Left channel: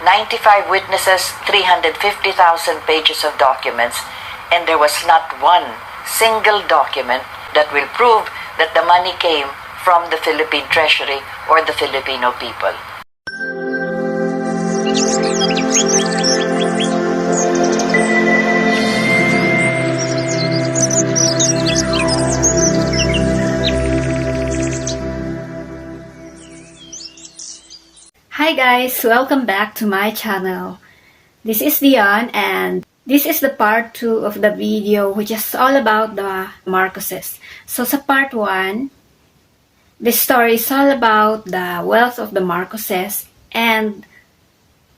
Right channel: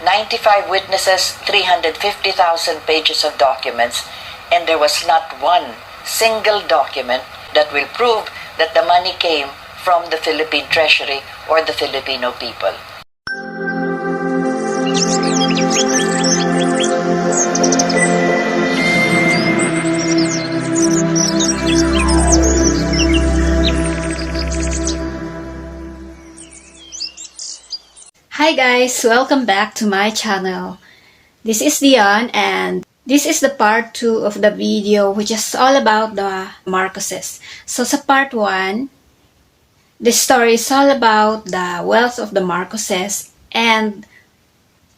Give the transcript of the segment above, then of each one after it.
95 witnesses, 350,000 pages of documents, and there was not one single document that will prove that the money came from the Philippine Treasury or the Filipino people. Hi guys, welcome back to my channel. This is Dion and this is the part 2 of the video which is all about the Marcoses. So sa part 1, the story is all about the wealth of the Marcoses, and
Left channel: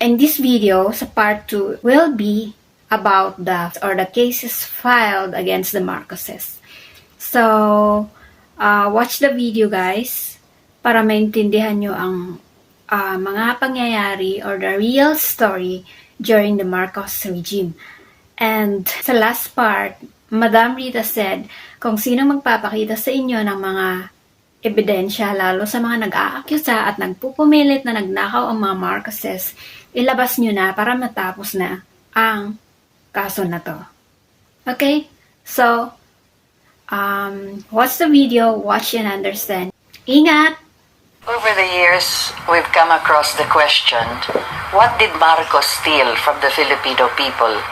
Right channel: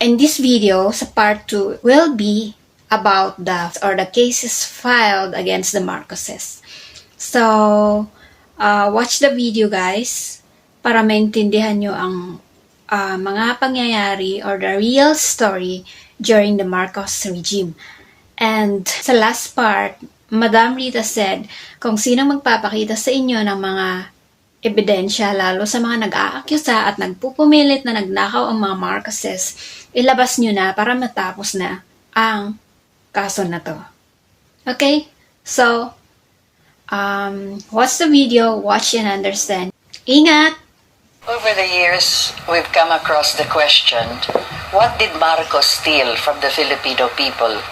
in this video, sa part 2, will be about the cases filed against the Marcoses. So, watch the video guys para maintindihan nyo ang mga pangyayari or the real story during the Marcos regime. And sa last part, Madam Rita said, kung sino magpapakita sa inyo ng mga ebidensya, lalo sa mga nag-aakyusa at nagpupumilit na nagnakaw ang mga Marcoses, ilabas nyo na para matapos na ang kaso na to. Okay? So, watch the video, watch and understand. Ingat! Over the years, we've come across the question, what did Marcos steal from the Filipino people?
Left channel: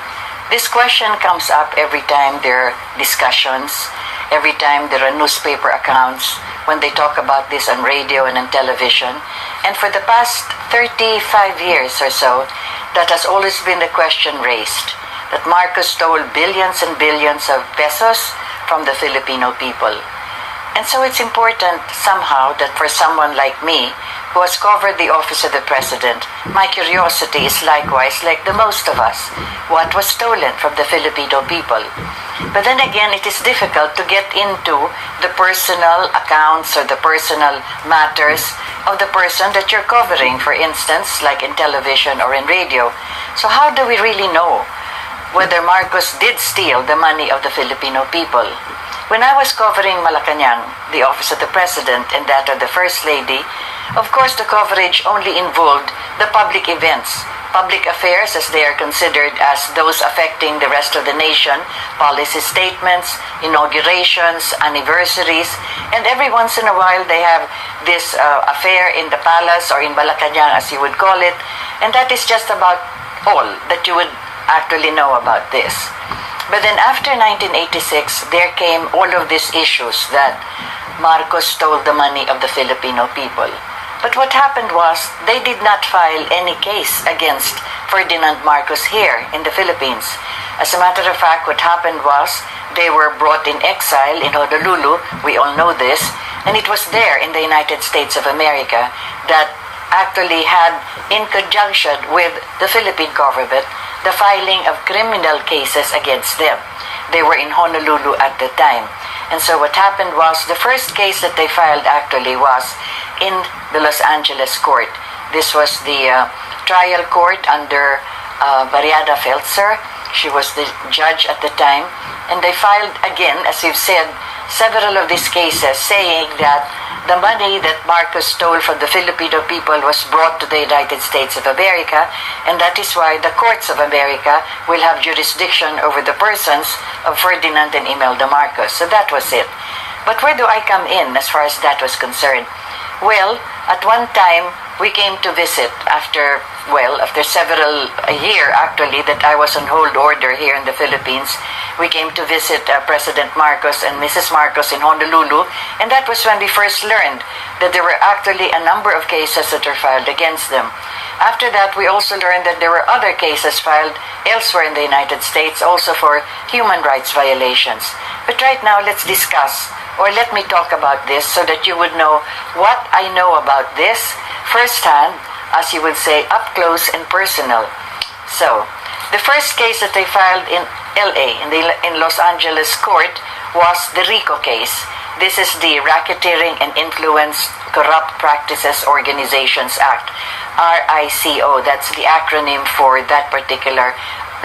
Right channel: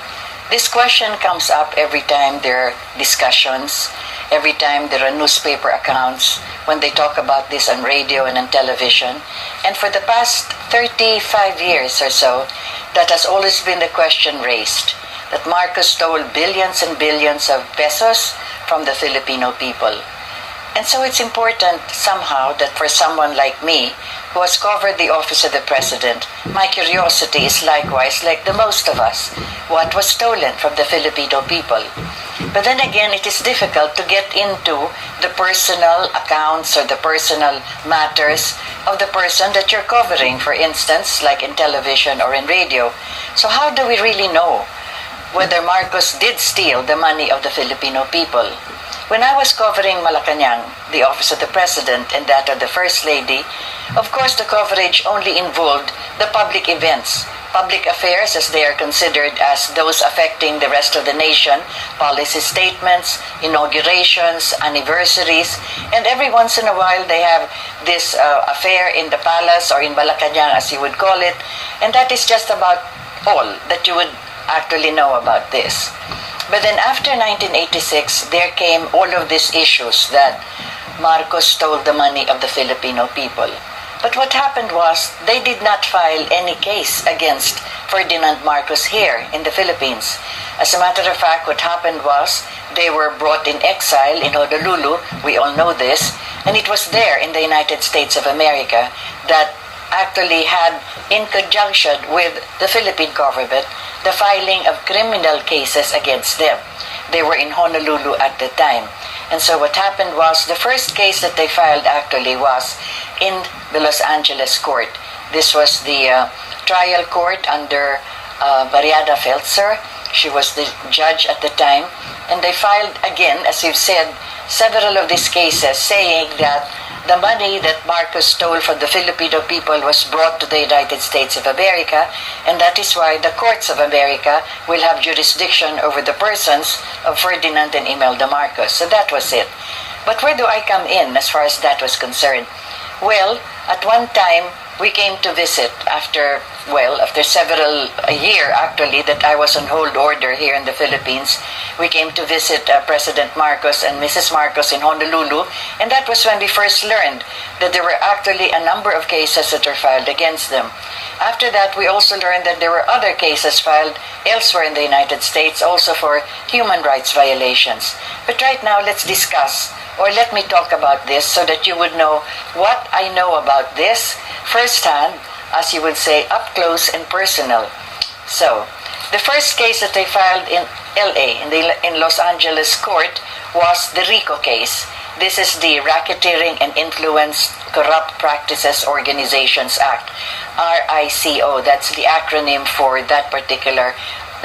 This question comes up every time there are discussions, every time there are newspaper accounts, when they talk about this on radio and on television. And for the past 35 years or so, that has always been the question raised, that Marcos stole billions and billions of pesos from the Filipino people. And so it's important somehow that for someone like me, who has covered the office of the president, my curiosity is likewise like the most of us. What was stolen from the Filipino people? But then again, it is difficult to get into the personal accounts or the personal matters of the person that you're covering, for instance, like in television or in radio. So how do we really know whether Marcos did steal the money of the Filipino people? When I was covering Malacanang, the office of the president and that of the first lady, of course the coverage only involved the public events, public affairs as they are considered as those affecting the rest of the nation, policy statements, inaugurations, anniversaries, and every once in a while they have this affair in the palace or in Malacanang as you would call it, and that is just about all that you would actually know about this. But then after 1986, there came all of these issues that Marcos stole the money of the Filipino people. But what happened was, they did not file any case against Ferdinand Marcos here in the Philippines. As a matter of fact, what happened was, they were brought in exile in Honolulu, we all know this, and it was there in the United States of America that actually had, in conjunction with the Philippine government, the filing of criminal cases against them. They were in Honolulu at the time. And so what happened was, the first case that they filed actually was in the Los Angeles court. This was the trial court under Mariana Feltzer. She was the judge at the time. And they filed again, as you've said, several of these cases saying that the money that Marcos stole from the Filipino people was brought to the United States of America, and that is why the courts of America will have jurisdiction over the persons of Ferdinand and Imelda Marcos. So that was it. But where do I come in as far as that was concerned? Well, at one time, we came to visit after a year actually that I was on hold order here in the Philippines. We came to visit President Marcos and Mrs. Marcos in Honolulu, and that was when we first learned that there were actually a number of cases that were filed against them. After that, we also learned that there were other cases filed elsewhere in the United States also for human rights violations. But right now, let's discuss, or let me talk about this so that you would know what I know about this firsthand, as you would say, up close and personal. So, the first case that they filed in LA, in Los Angeles court, was the RICO case. This is the Racketeering and Influence Corrupt Practices Organizations Act, RICO. That's the acronym for that particular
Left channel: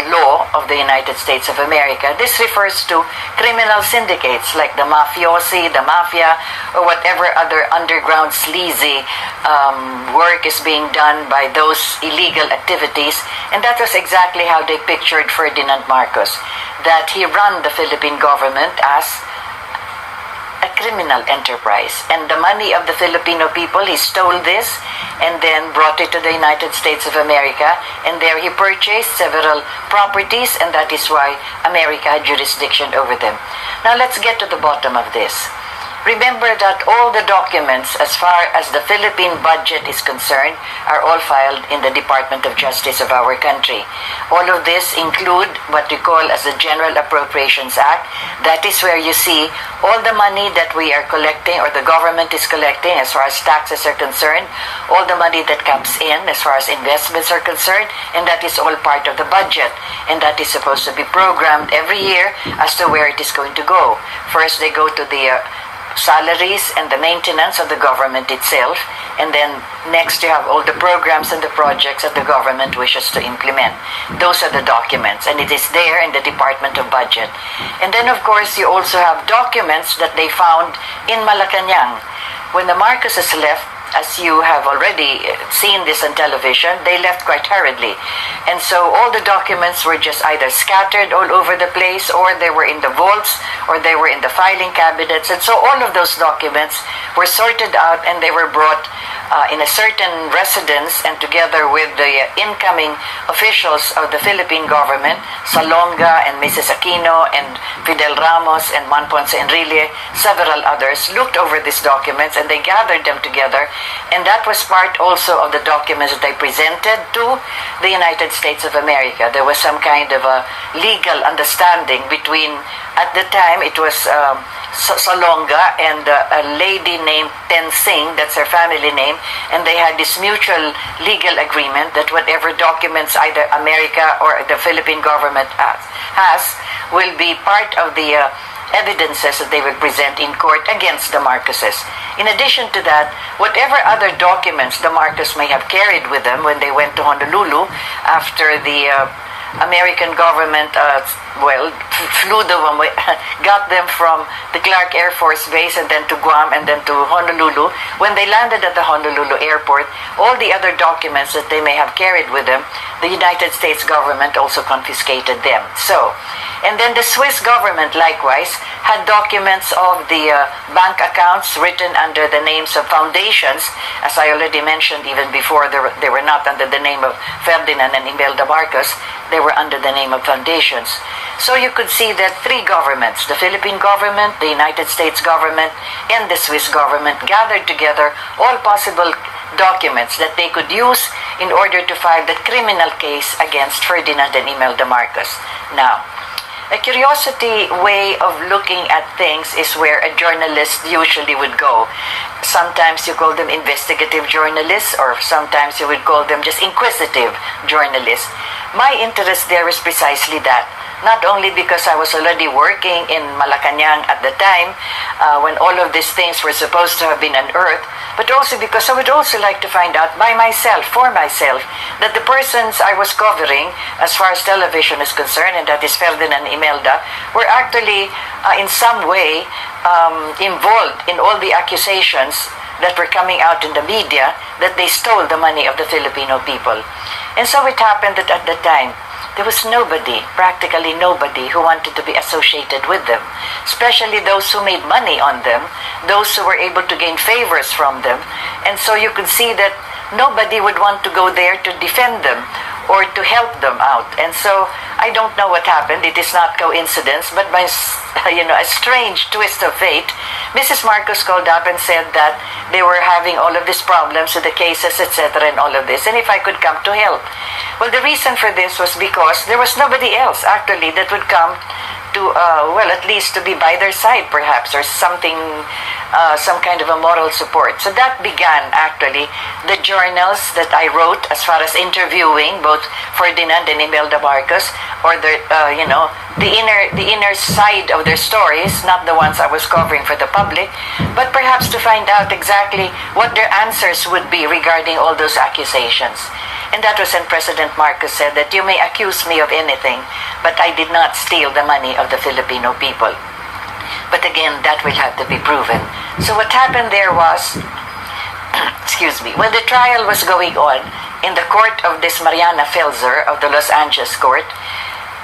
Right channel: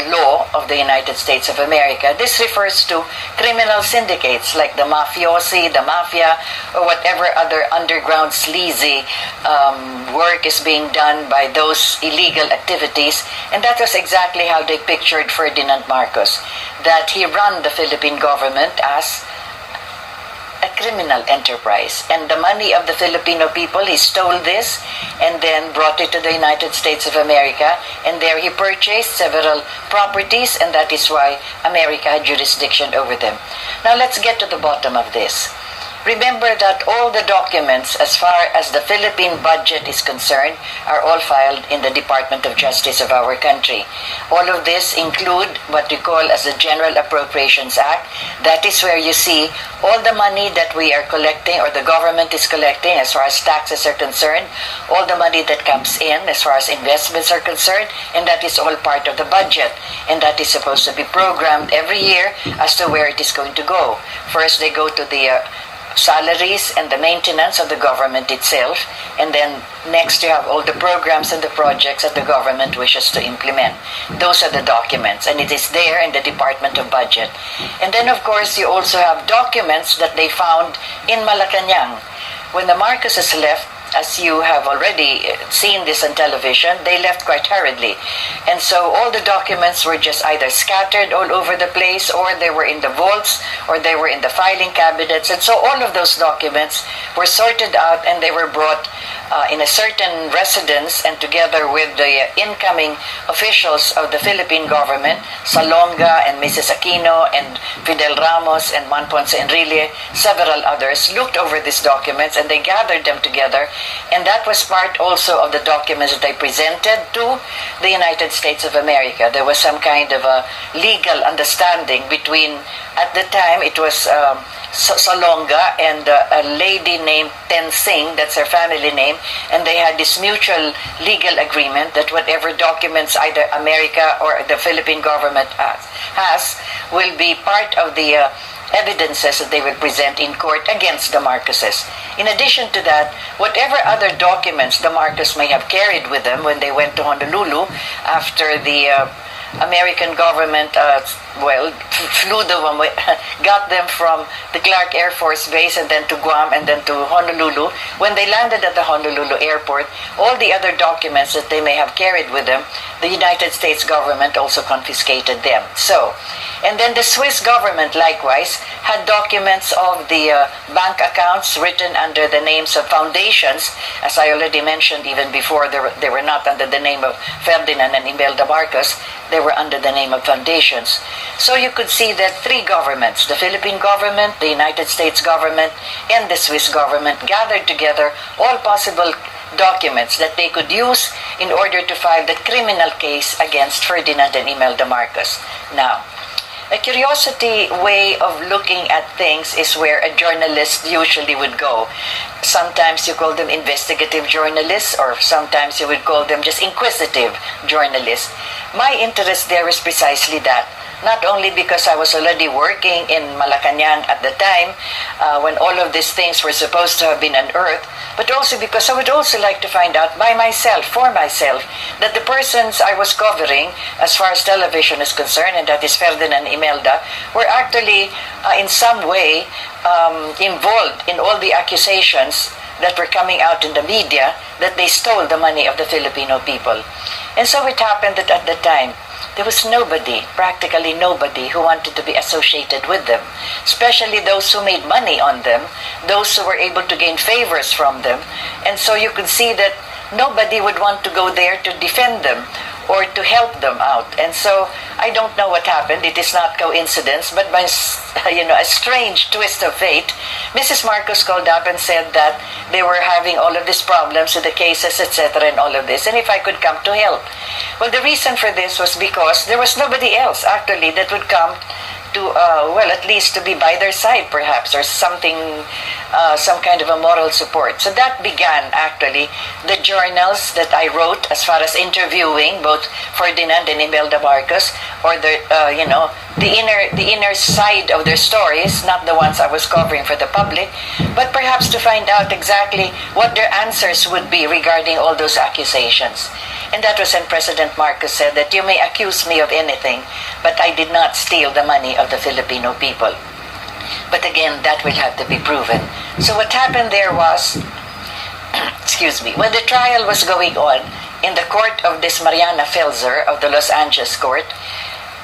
law of the United States of America, this refers to criminal syndicates like the mafiosi, the mafia, or whatever other underground sleazy work is being done by those illegal activities. And that was exactly how they pictured Ferdinand Marcos, that he ran the Philippine government as a criminal enterprise. And the money of the Filipino people, he stole this and then brought it to the United States of America, and there he purchased several properties, and that is why America had jurisdiction over them. Now let's get to the bottom of this. Remember that all the documents as far as the Philippine budget is concerned are all filed in the Department of Justice of our country. All of this include what we call as the General Appropriations Act. That is where you see all the money that we are collecting or the government is collecting as far as taxes are concerned, all the money that comes in as far as investments are concerned, and that is all part of the budget. And that is supposed to be programmed every year as to where it is going to go. First, they go to the salaries and the maintenance of the government itself, and then next you have all the programs and the projects that the government wishes to implement. Those are the documents, and it is there in the Department of Budget. And then of course you also have documents that they found in Malacanang. When the Marcoses left, as you have already seen this on television, they left quite hurriedly. And so all the documents were just either scattered all over the place, or they were in the vaults, or they were in the filing cabinets. And so all of those documents were sorted out, and they were brought in a certain residence, and together with the incoming officials of the Philippine government, Salonga and Mrs. Aquino and Fidel Ramos and Man Ponce Enrile, several others, looked over these documents and they gathered them together. And that was part also of the documents that they presented to the United States of America. There was some kind of a legal understanding between, at the time it was Salonga and a lady named Ten Singh, that's her family name, and they had this mutual legal agreement that whatever documents either America or the Philippine government has will be part of the evidences that they will present in court against the Marcoses. In addition to that, whatever other documents the Marcos may have carried with them when they went to Honolulu after the American government flew them, got them from the Clark Air Force Base and then to Guam and then to Honolulu. When they landed at the Honolulu airport, all the other documents that they may have carried with them, the United States government also confiscated them. And then the Swiss government likewise had documents of the bank accounts written under the names of foundations. As I already mentioned even before, they were not under the name of Ferdinand and Imelda Marcos. They were under the name of foundations. So you could see that three governments, the Philippine government, the United States government, and the Swiss government, gathered together all possible documents that they could use in order to file the criminal case against Ferdinand and Imelda Marcos. Now, a curiosity way of looking at things is where a journalist usually would go. Sometimes you call them investigative journalists, or sometimes you would call them just inquisitive journalists. My interest there is precisely that. Not only because I was already working in Malacanang at the time when all of these things were supposed to have been unearthed, but also because I would also like to find out for myself, that the persons I was covering as far as television is concerned, and that is Ferdinand and Imelda, were actually in some way involved in all the accusations that were coming out in the media that they stole the money of the Filipino people. And so it happened that at the time, there was nobody, practically nobody, who wanted to be associated with them, especially those who made money on them, those who were able to gain favors from them. And so you could see that nobody would want to go there to defend them or to help them out. And so I don't know what happened. It is not coincidence, but by a strange twist of fate, Mrs. Marcos called up and said that they were having all of these problems with the cases, etc., and all of this, and if I could come to help. Well, the reason for this was because there was nobody else actually that would come to, at least to be by their side perhaps, or something, some kind of a moral support. So that began actually the journals that I wrote as far as interviewing both Ferdinand and Imelda Marcos, or the inner side of their stories, not the ones I was covering for the public, but perhaps to find out exactly what their answers would be regarding all those accusations. And that was when President Marcos said that you may accuse me of anything, but I did not steal the money of the Filipino people. But again, that will have to be proven. So what happened there was, excuse me, when the trial was going on in the court of this Mariana Felzer of the Los Angeles court,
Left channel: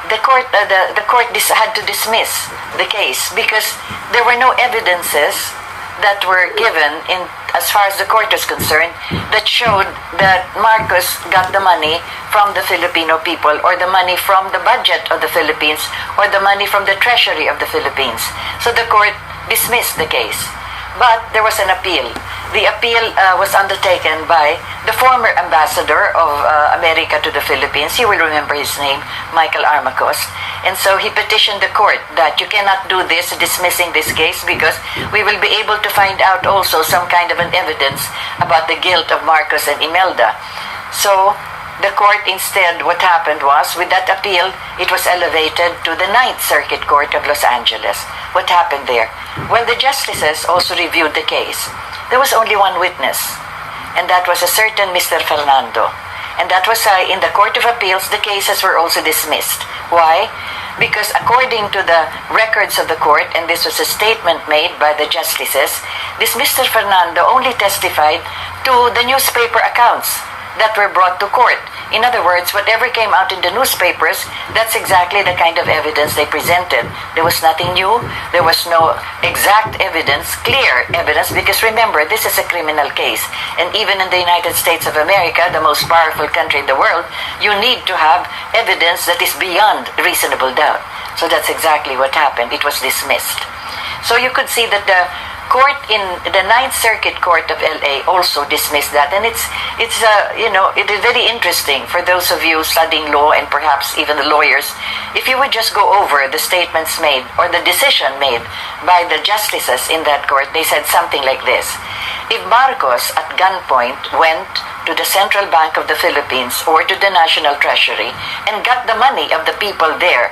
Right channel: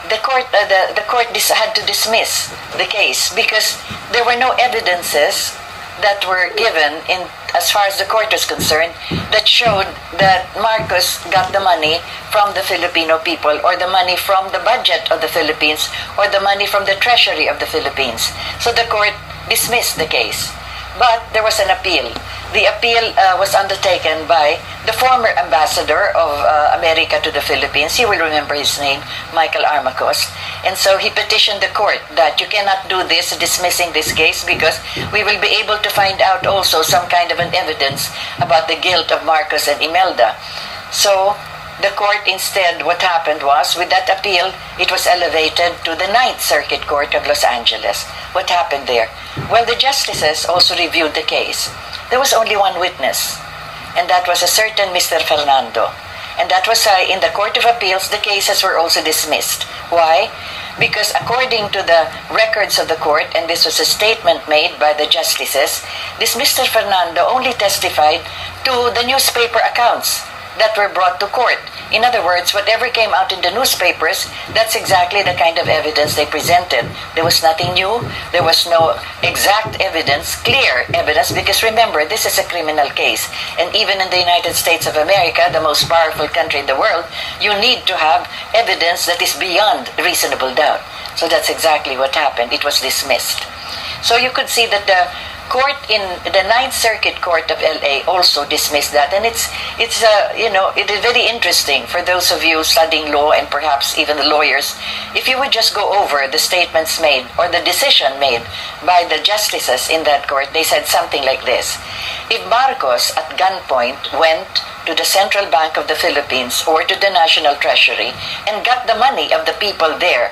the court had to dismiss the case because there were no evidences that were given in as far as the court was concerned that showed that Marcos got the money from the Filipino people or the money from the budget of the Philippines or the money from the treasury of the Philippines. So the court dismissed the case. But there was an appeal. The appeal was undertaken by the former ambassador of America to the Philippines. You will remember his name, Michael Armacos. And so he petitioned the court that you cannot do this, dismissing this case, because we will be able to find out also some kind of an evidence about the guilt of Marcos and Imelda. So the court instead, what happened was, with that appeal, it was elevated to the Ninth Circuit Court of Los Angeles. What happened there? Well, the justices also reviewed the case. There was only one witness, and that was a certain Mr. Fernando. And that was in the Court of Appeals, the cases were also dismissed. Why? Because according to the records of the court, and this was a statement made by the justices, this Mr. Fernando only testified to the newspaper accounts that were brought to court. In other words, whatever came out in the newspapers, that's exactly the kind of evidence they presented. There was nothing new. There was no exact evidence, clear evidence, because remember, this is a criminal case. And even in the United States of America, the most powerful country in the world, you need to have evidence that is beyond reasonable doubt. So that's exactly what happened. It was dismissed. So you could see that the court in the Ninth Circuit Court of LA also dismissed that, and it is very interesting for those of you studying law and perhaps even the lawyers. If you would just go over the statements made or the decision made by the justices in that court, they said something like this: if Marcos at gunpoint went to the Central Bank of the Philippines or to the National Treasury and got the money of the people there,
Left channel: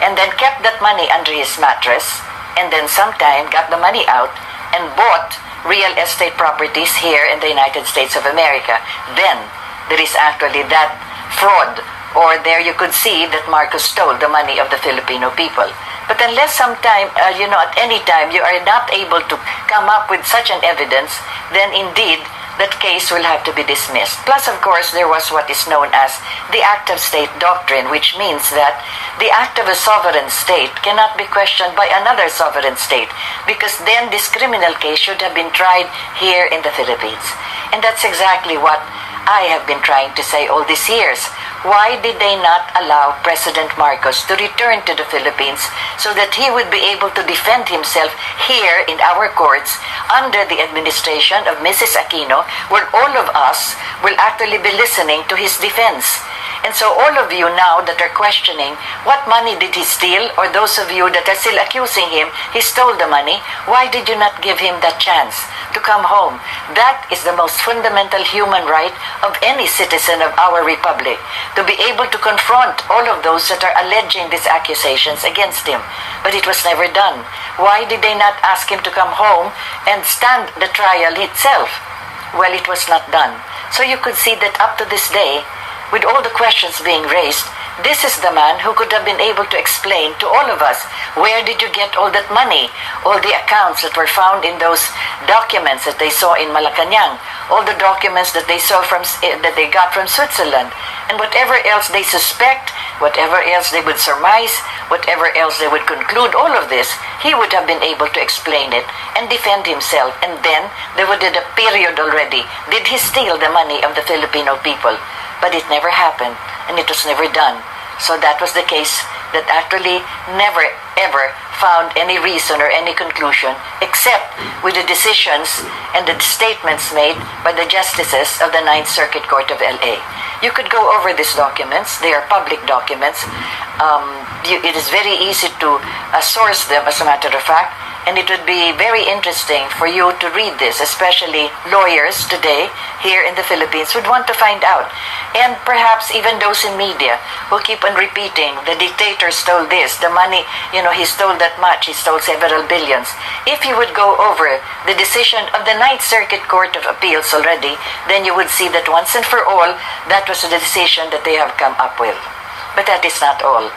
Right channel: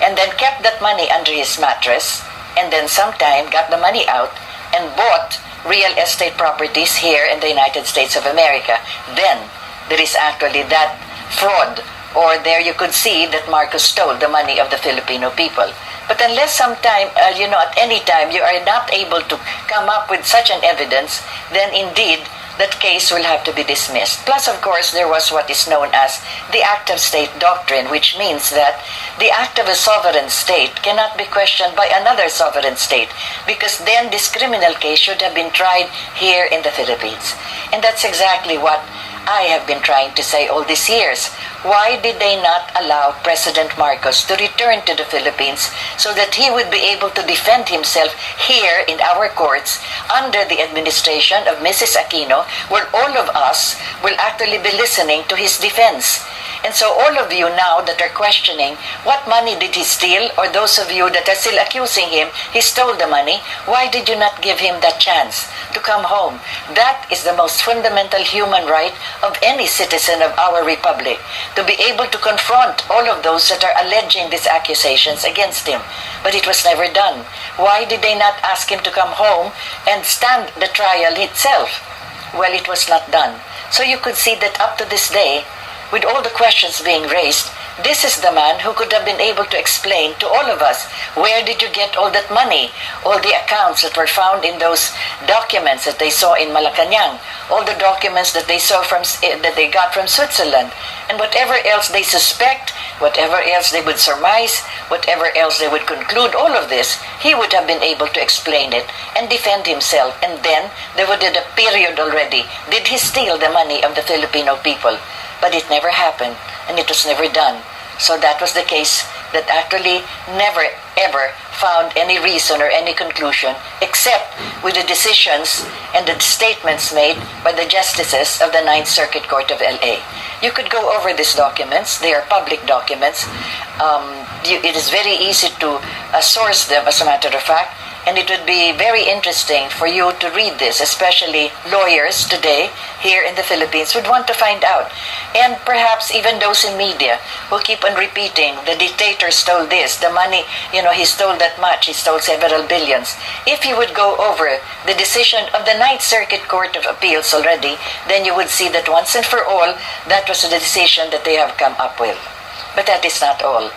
and then kept that money under his mattress, and then sometime got the money out and bought real estate properties here in the United States of America, then there is actually that fraud, or there you could see that Marcos stole the money of the Filipino people. But unless sometime, at any time you are not able to come up with such an evidence, then indeed that case will have to be dismissed. Plus, of course, there was what is known as the act of state doctrine, which means that the act of a sovereign state cannot be questioned by another sovereign state, because then this criminal case should have been tried here in the Philippines. And that's exactly what I have been trying to say all these years. Why did they not allow President Marcos to return to the Philippines so that he would be able to defend himself here in our courts under the administration of Mrs. Aquino, where all of us will actually be listening to his defense? And so all of you now that are questioning what money did he steal, or those of you that are still accusing him he stole the money, why did you not give him that chance to come home? That is the most fundamental human right of any citizen of our republic, to be able to confront all of those that are alleging these accusations against him. But it was never done. Why did they not ask him to come home and stand the trial itself? Well, it was not done. So you could see that up to this day, with all the questions being raised, this is the man who could have been able to explain to all of us, where did you get all that money, all the accounts that were found in those documents that they saw in Malacanang, all the documents that they saw that they got from Switzerland, and whatever else they suspect, whatever else they would surmise, whatever else they would conclude, all of this, he would have been able to explain it and defend himself, and then there would be a period already. Did he steal the money of the Filipino people? But it never happened, and it was never done. So that was the case that actually never ever found any reason or any conclusion, except with the decisions and the statements made by the justices of the Ninth Circuit Court of LA. You could go over these documents. They are public documents. It is very easy to source them, as a matter of fact, And it would be very interesting for you to read this, especially lawyers today here in the Philippines would want to find out. And perhaps even those in media who keep on repeating, the dictator stole this, the money, he stole that much, he stole several billions. If you would go over the decision of the Ninth Circuit Court of Appeals already, then you would see that once and for all, that was the decision that they have come up with. But that is not all.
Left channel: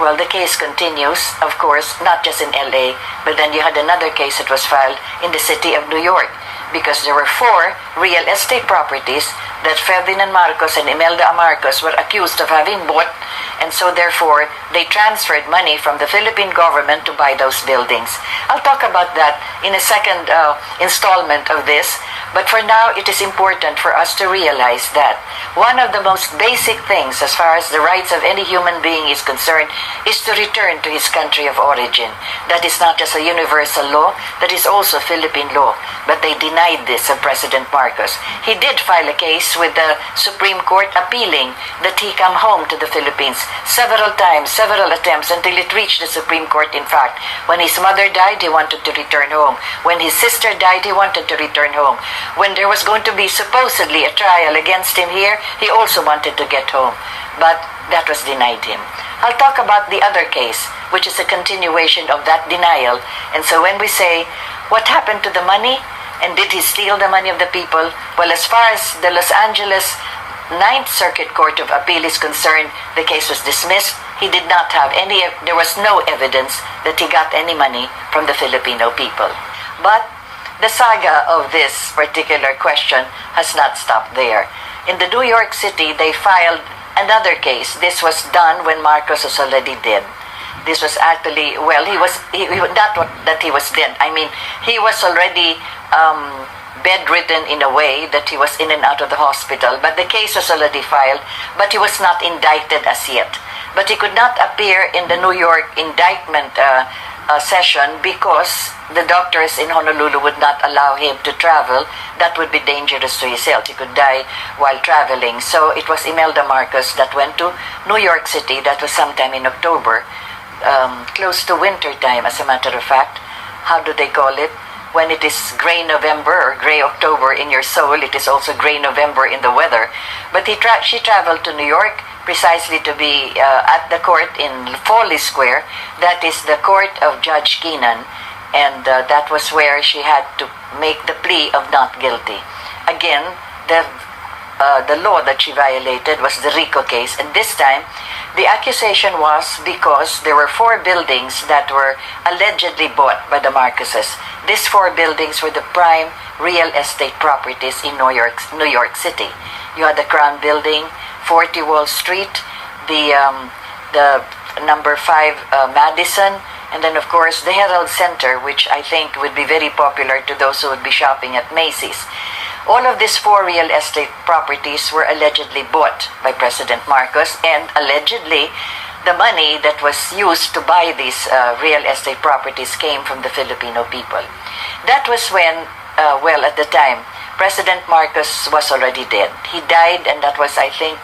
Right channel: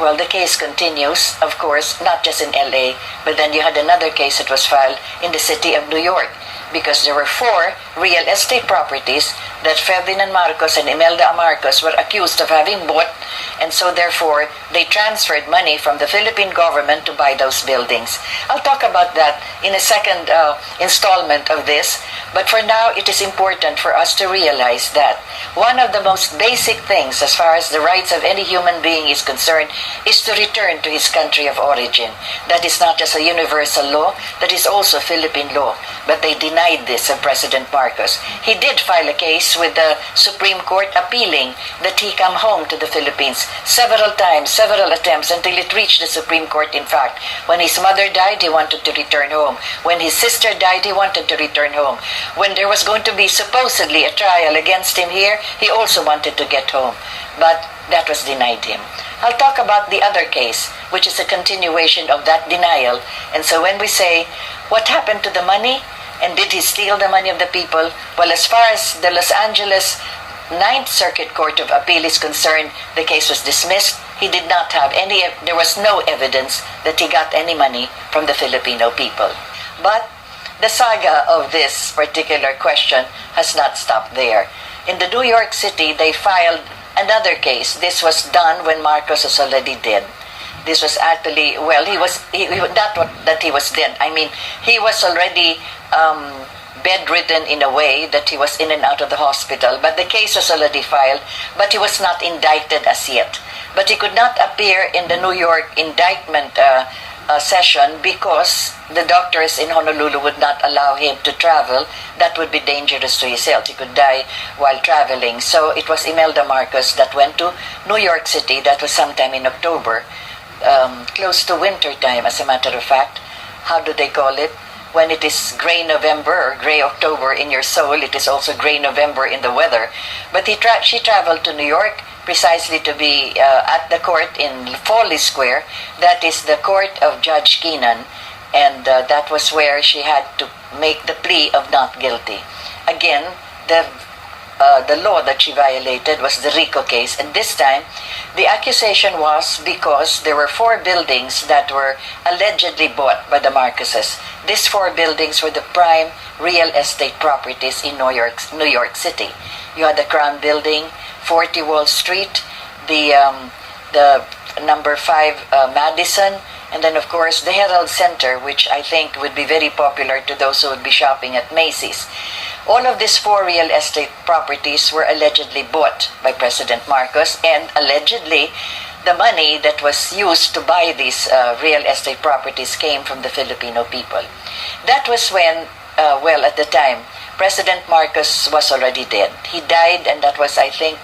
Well, the case continues, of course, not just in LA, but then you had another case that was filed in the city of New York, because there were 4 real estate properties that Ferdinand Marcos and Imelda Marcos were accused of having bought, and so therefore they transferred money from the Philippine government to buy those buildings. I'll talk about that in a second installment of this, but for now it is important for us to realize that one of the most basic things as far as the rights of any human being is concerned is to return to his country of origin. That is not just a universal law, that is also Philippine law. But they denied this of President Marcos. He did file a case with the Supreme Court appealing that he come home to the Philippines several times, several attempts, until it reached the Supreme Court. In fact, when his mother died, he wanted to return home. When his sister died, he wanted to return home. When there was going to be supposedly a trial against him here, he also wanted to get home. But that was denied him. I'll talk about the other case, which is a continuation of that denial. And so when we say, what happened to the money? And did he steal the money of the people? Well, as far as the Los Angeles Ninth Circuit Court of Appeal is concerned, the case was dismissed. He did not have there was no evidence that he got any money from the Filipino people. But the saga of this particular question has not stopped there. In the New York City, they filed another case. This was done when Marcos was already dead. This was actually, well, not that he was dead. I mean, he was already bedridden in a way that he was in and out of the hospital. But the case was already filed, but he was not indicted as yet. But he could not appear in the New York indictment session because the doctors in Honolulu would not allow him to travel. That would be dangerous to his health. He could die while traveling. So it was Imelda Marcos that went to New York City. That was sometime in October, close to winter time, as a matter of fact. How do they call it? When it is gray November or gray October in your soul, it is also gray November in the weather. But she traveled to New York precisely to be at the court in Foley Square. That is the court of Judge Keenan. And that was where she had to make the plea of not guilty. Again, the law that she violated was the RICO case. And this time, the accusation was because there were 4 buildings that were allegedly bought by the Marcoses. These 4 buildings were the prime real estate properties in New York City. You had the Crown Building, 40 Wall Street, the number 5 Madison, and then of course the Herald Center, which I think would be very popular to those who would be shopping at Macy's. All of these 4 real estate properties were allegedly bought by President Marcos, and allegedly the money that was used to buy these real estate properties came from the Filipino people. That was when, at the time, President Marcos was already dead. He died, and that was, I think,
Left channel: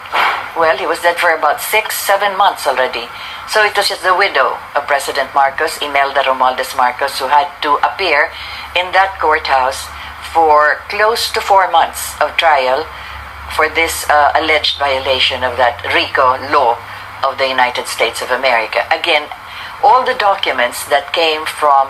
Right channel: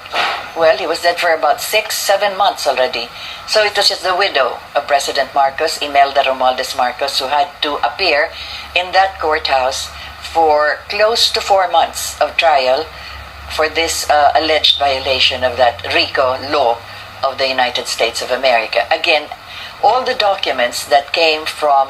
he was dead for about 6-7 months already. So it was just the widow of President Marcos, Imelda Romualdez Marcos, who had to appear in that courthouse for close to 4 months of trial for this alleged violation of that RICO law of the United States of America. Again, all the documents that came from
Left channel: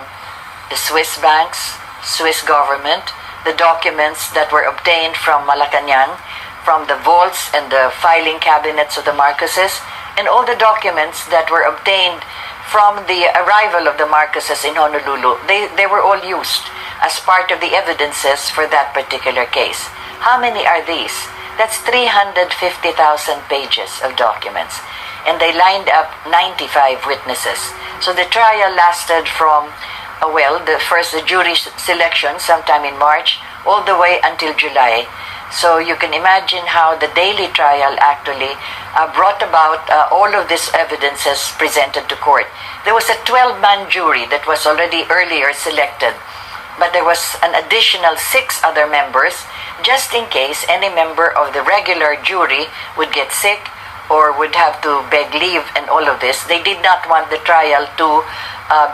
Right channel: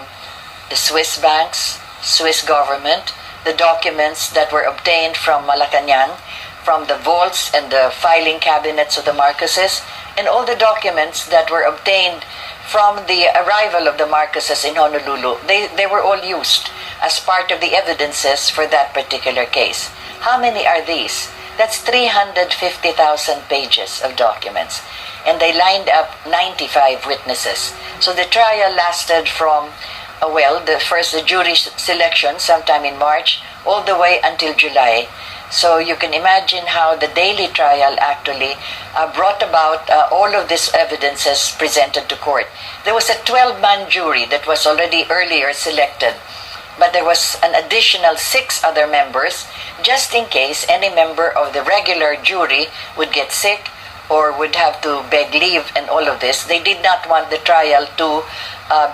the Swiss banks, Swiss government, the documents that were obtained from Malacanang, from the vaults and the filing cabinets of the Marcoses, and all the documents that were obtained from the arrival of the Marcoses in Honolulu, they were all used as part of the evidences for that particular case. How many are these? That's 350,000 pages of documents. And they lined up 95 witnesses. So the trial lasted from, the jury selection sometime in March, all the way until July. So you can imagine how the daily trial actually brought about all of these evidences presented to court. There was a 12-man jury that was already earlier selected, but there was an additional 6 other members just in case any member of the regular jury would get sick or would have to beg leave and all of this. They did not want the trial to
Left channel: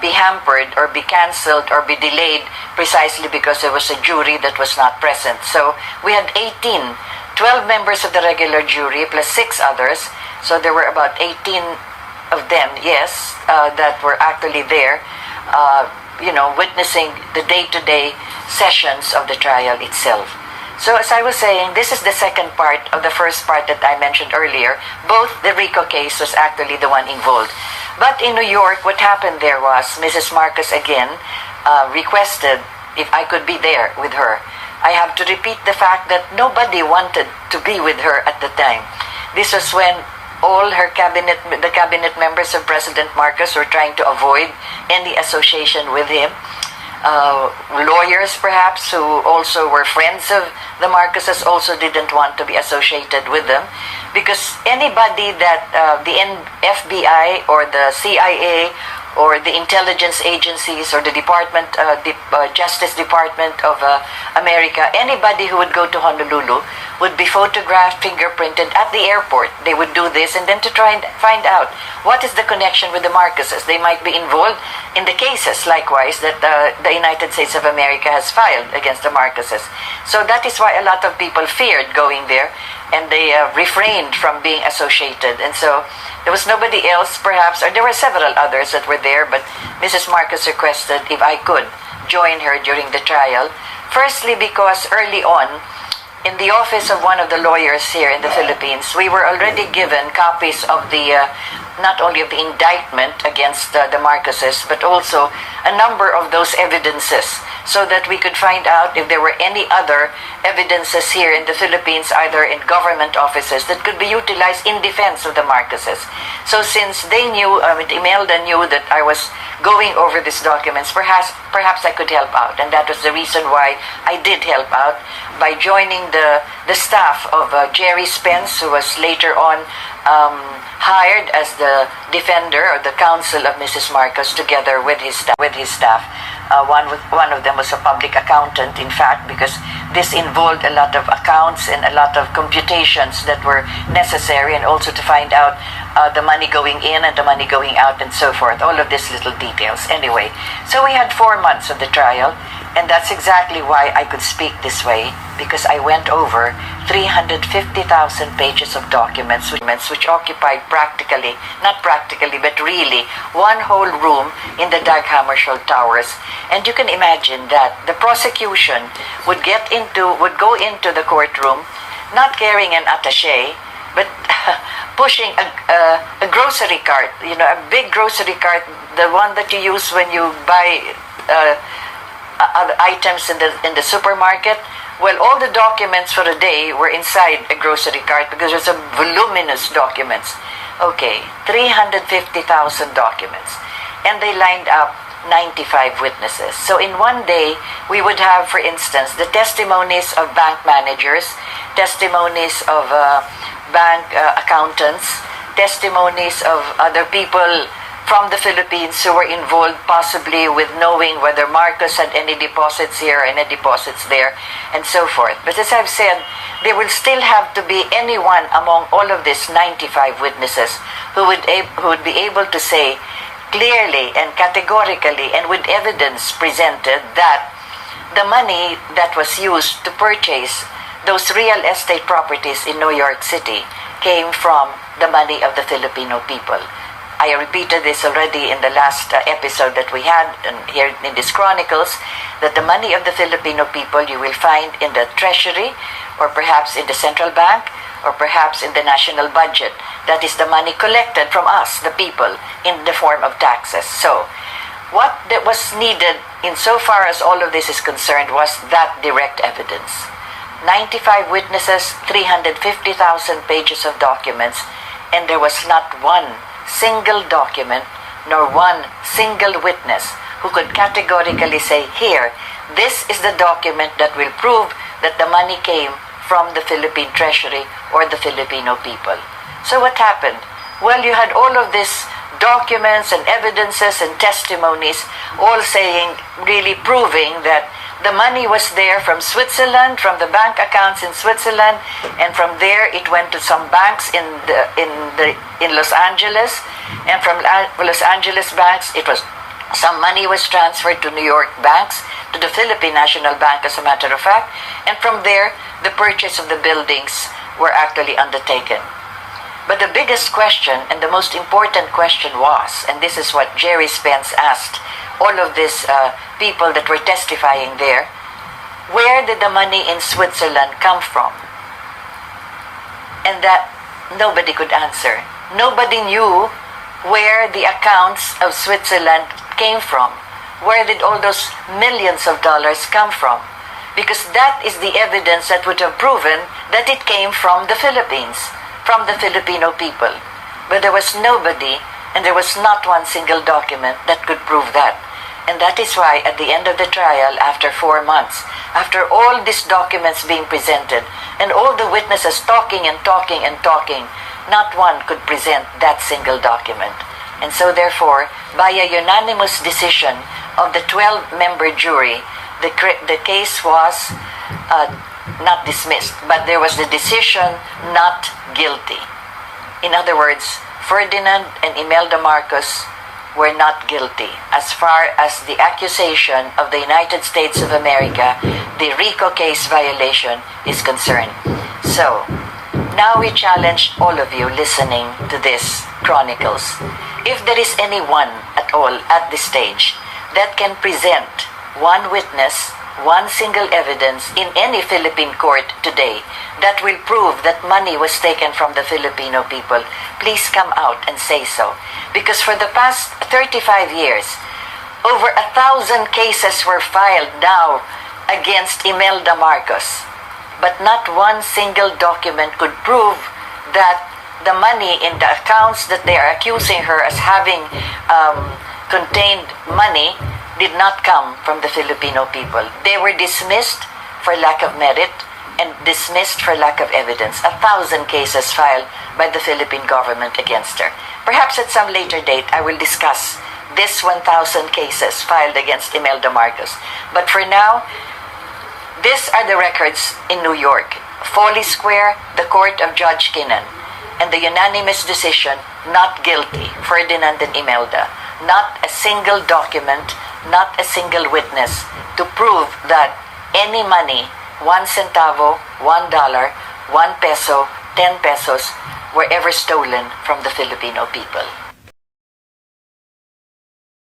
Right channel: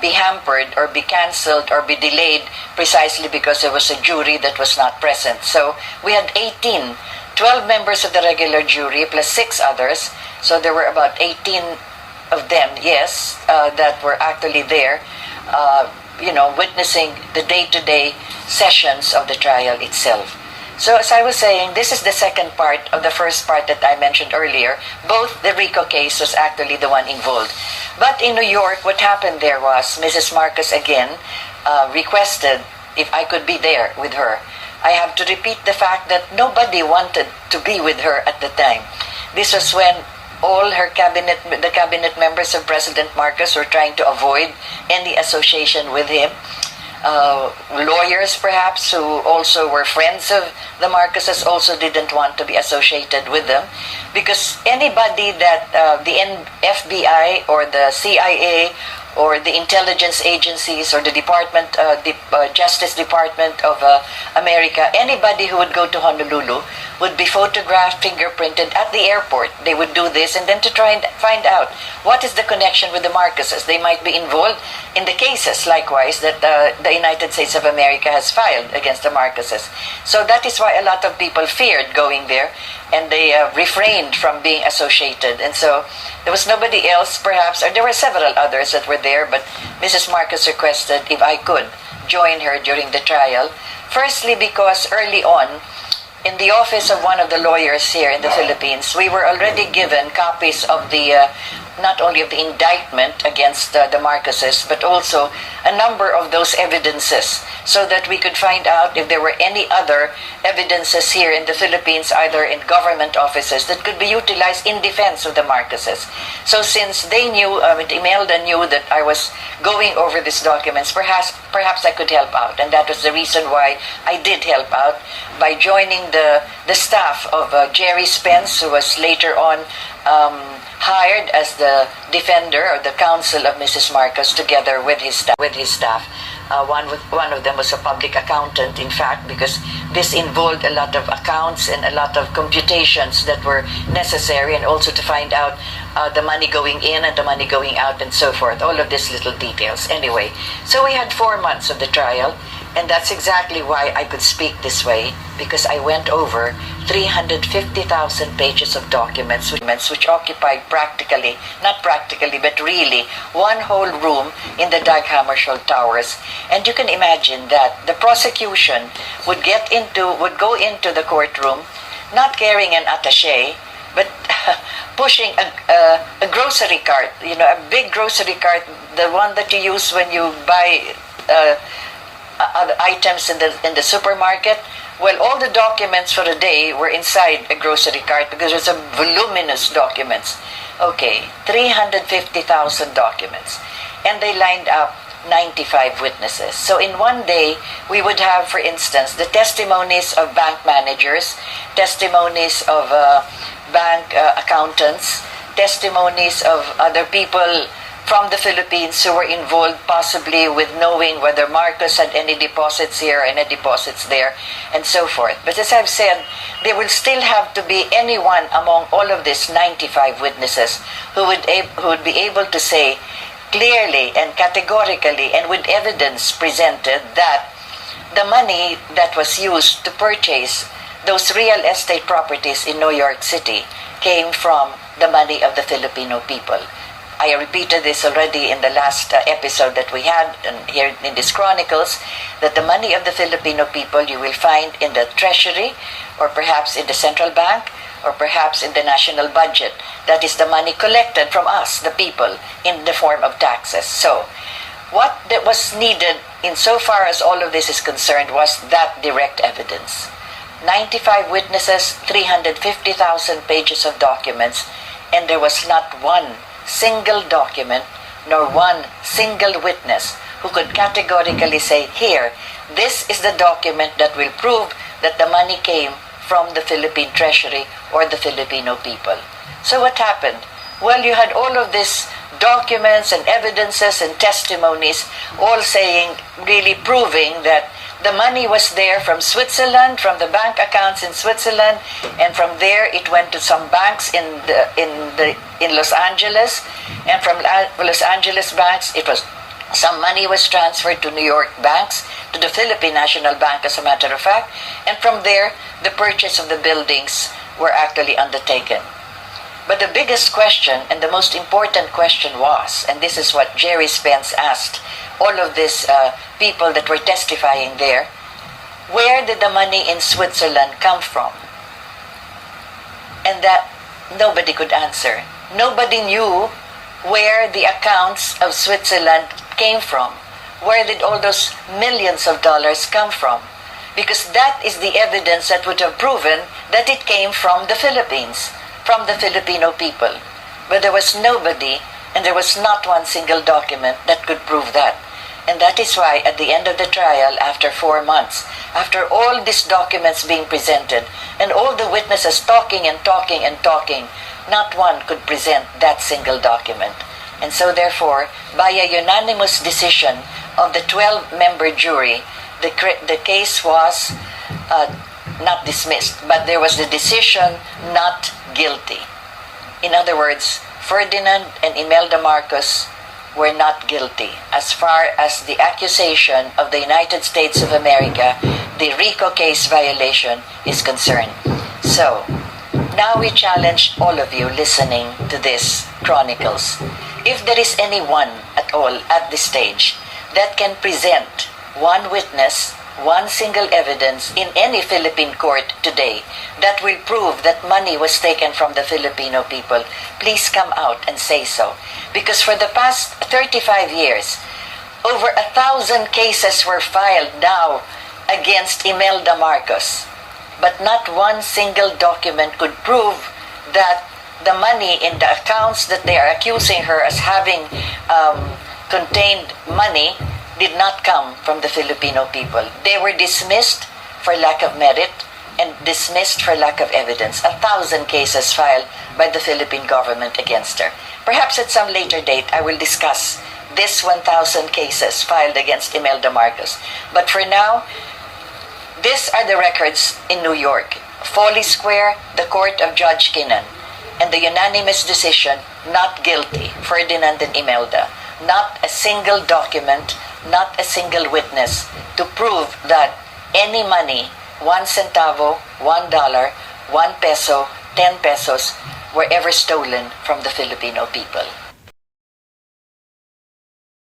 be hampered or be cancelled or be delayed precisely because there was a jury that was not present. So we had 12 members of the regular jury plus 6 others. So there were about 18 of them, yes, that were actually there, witnessing the day-to-day sessions of the trial itself. So as I was saying, this is the second part of the first part that I mentioned earlier. Both the RICO case was actually the one involved. But in New York, what happened there was Mrs. Marcos again requested if I could be there with her. I have to repeat the fact that nobody wanted to be with her at the time. This was when all the cabinet members of President Marcos were trying to avoid any association with him. Lawyers, perhaps, who also were friends of the Marcoses, also didn't want to be associated with them, because anybody that the FBI or the CIA or the intelligence agencies or the Justice Department of America, anybody who would go to Honolulu would be photographed, fingerprinted at the airport. They would do this and then to try and find out what is the connection with the Marcoses. They might be involved in the cases, likewise, that the United States of America has filed against the Marcoses. So that is why a lot of people feared going there, and they refrained from being associated. And so there was nobody else, perhaps, or there were several others that were there, but Mrs. Marcos requested if I could join her during the trial. Firstly, because early on, in the office of one of the lawyers here in the Philippines, we were already given copies of the, not only of the indictment against the Marcoses, but also a number of those evidences, so that we could find out if there were any other evidences here in the Philippines, either in government offices, that could be utilized in defense of the Marcoses. So since they knew, Imelda knew that I was going over these documents, perhaps I could help out. And that was the reason why I did help out, by joining the staff of Jerry Spence, who was later on hired as the defender or the counsel of Mrs. Marcos, together with his staff. One of them was a public accountant, in fact, because this involved a lot of accounts and a lot of computations that were necessary, and also to find out the money going in and the money going out and so forth, all of these little details. Anyway, so we had 4 months of the trial, and that's exactly why I could speak this way, because I went over 350,000 pages of documents which occupied not practically, but really one whole room in the Dag Hammarskjöld Towers. And you can imagine that the prosecution would go into the courtroom not carrying an attaché, but pushing a grocery cart, a big grocery cart, the one that you use when you buy other items in the supermarket. Well, all the documents for a day were inside a grocery cart, because there's a voluminous documents. Okay, 350,000 documents. And they lined up 95 witnesses. So in one day, we would have, for instance, the testimonies of bank managers, testimonies of bank accountants, testimonies of other people from the Philippines who were involved possibly with knowing whether Marcos had any deposits here or any deposits there, and so forth. But as I've said, there will still have to be anyone among all of these 95 witnesses who would be able to say clearly and categorically and with evidence presented that the money that was used to purchase those real estate properties in New York City came from the money of the Filipino people. I repeated this already in the last episode that we had here in these chronicles, that the money of the Filipino people you will find in the treasury, or perhaps in the central bank, or perhaps in the national budget. That is the money collected from us, the people, in the form of taxes. So, what that was needed insofar as all of this is concerned was that direct evidence. 95 witnesses, 350,000 pages of documents, and there was not one single document nor one single witness who could categorically say, here, this is the document that will prove that the money came from the Philippine Treasury or the Filipino people. So what happened? Well, you had all of these documents and evidences and testimonies all saying, really proving that the money was there from Switzerland, from the bank accounts in Switzerland, and from there it went to some banks in Los Angeles, and from Los Angeles banks it was Some money was transferred to New York banks, to the Philippine National Bank as a matter of fact, and from there, the purchase of the buildings were actually undertaken. But the biggest question and the most important question was, and this is what Jerry Spence asked all of these people that were testifying there, where did the money in Switzerland come from? And that nobody could answer. Nobody knew where the accounts of Switzerland came from. Where did all those millions of dollars come from? Because that is the evidence that would have proven that it came from the Philippines, from the Filipino people. But there was nobody, and there was not one single document that could prove that. And that is why at the end of the trial, after 4 months, after all these documents being presented, and all the witnesses talking and talking and talking, not one could present that single document. And so therefore, by a unanimous decision of the 12-member jury, the case was not dismissed, but there was the decision not guilty. In other words, Ferdinand and Imelda Marcos were not guilty as far as the accusation of the United States of America, the RICO case violation, is concerned. So, now we challenge all of you listening to this Chronicles. If there is anyone at all at this stage that can present one witness, one single evidence in any Philippine court today that will prove that money was taken from the Filipino people, please come out and say so. Because for the past 35 years, over 1,000 cases were filed now against Imelda Marcos. But not one single document could prove that the money in the accounts that they are accusing her as having contained money did not come from the Filipino people. They were dismissed for lack of merit and dismissed for lack of evidence. 1,000 cases filed by the Philippine government against her. Perhaps at some later date, I will discuss this 1,000 cases filed against Imelda Marcos. But for now, these are the records in New York. Foley Square, the court of Judge Kinnan, and the unanimous decision, not guilty, Ferdinand and Imelda. Not a single document, not a single witness to prove that any money, 1 centavo, $1, 1 peso, 10 pesos, were ever stolen from the Filipino people.